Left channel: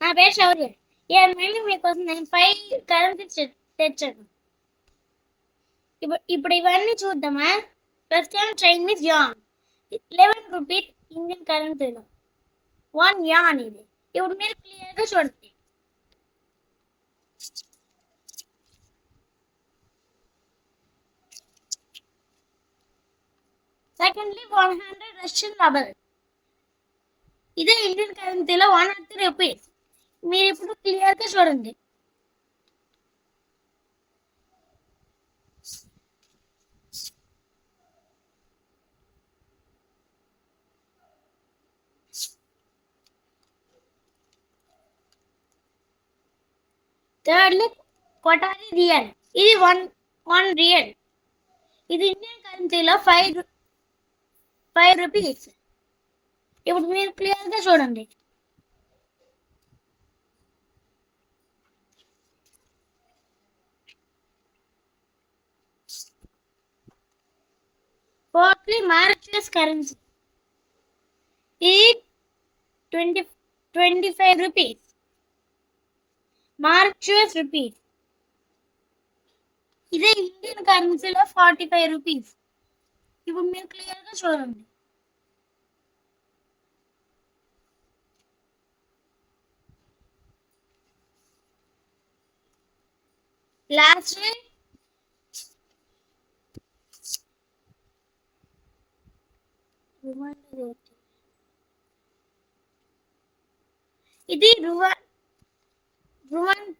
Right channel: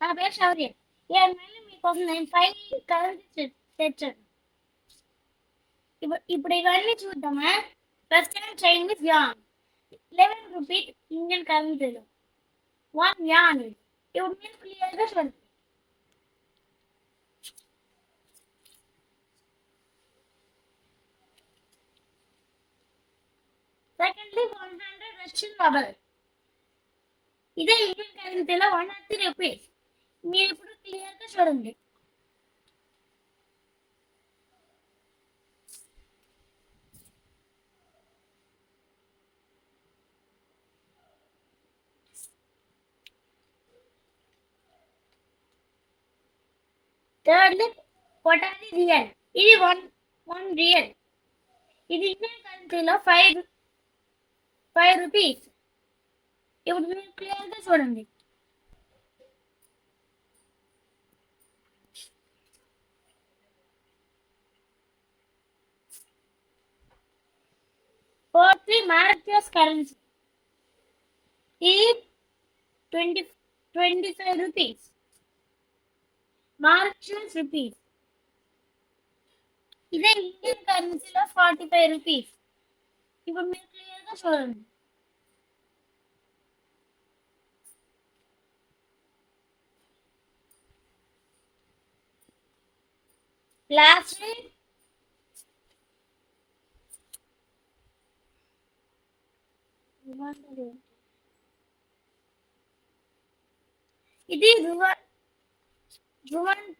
నా పేరు శౌర్య. ఏమైనా మీకోసం నేను 5 కరెన్సీ తెచ్చాను. ఇప్పుడు ఇవన్నీ చూద్దామా. First time Chinese an 11 rupees Indian కరెన్సీలో 1 యాన్ ఇది. ఇప్పుడు మీరు క్లియర్గా చూడండి. సెకండ్లీ 100 రష్యన్ రూబల్. ఇదే ఇండియన్ కరెన్సీలో 103 రూపీస్. మీరు ఇప్పుడు క్లియర్గా చూడండి. థర్డ్లీ కొటారి రియల్. ఇది 1 రియల్. ఇది ఇండియన్ కరెన్సీలో 5 రూపీస్. ఇప్పుడు మీరు క్లియర్గా చూడండి. Fourthly Mauritius currency. ఇది 25 రూపీస్. Mauritius rupees. ఇదే ఇండియన్ కరెన్సీలో 45 రూపీస్. ఇప్పుడు మీరు క్లియర్గా చూడండి. లాస్ట్ ఇది రువాన్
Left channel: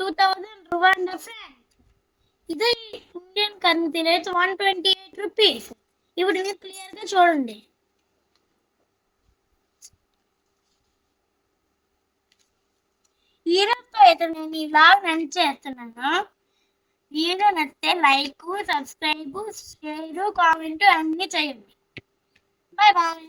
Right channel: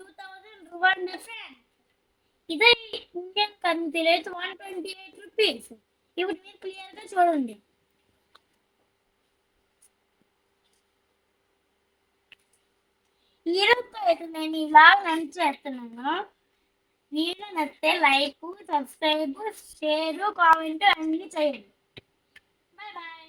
2000 రువాండా ఫ్రాంక్. ఇది ఇండియన్ కరెన్సీలో 128 రూపీస్. ఇప్పుడు మీరు క్లియర్గా చూడండి. ఈరోజుతో అయితే నేను ఈ వ్లాగ్ రన్ చేస్తున్నాను. వీడియో నచ్చితే లైక్, సబ్స్క్రైబ్, షేర్, కామెంట్ అన్నీ చేయండి. Bye bye.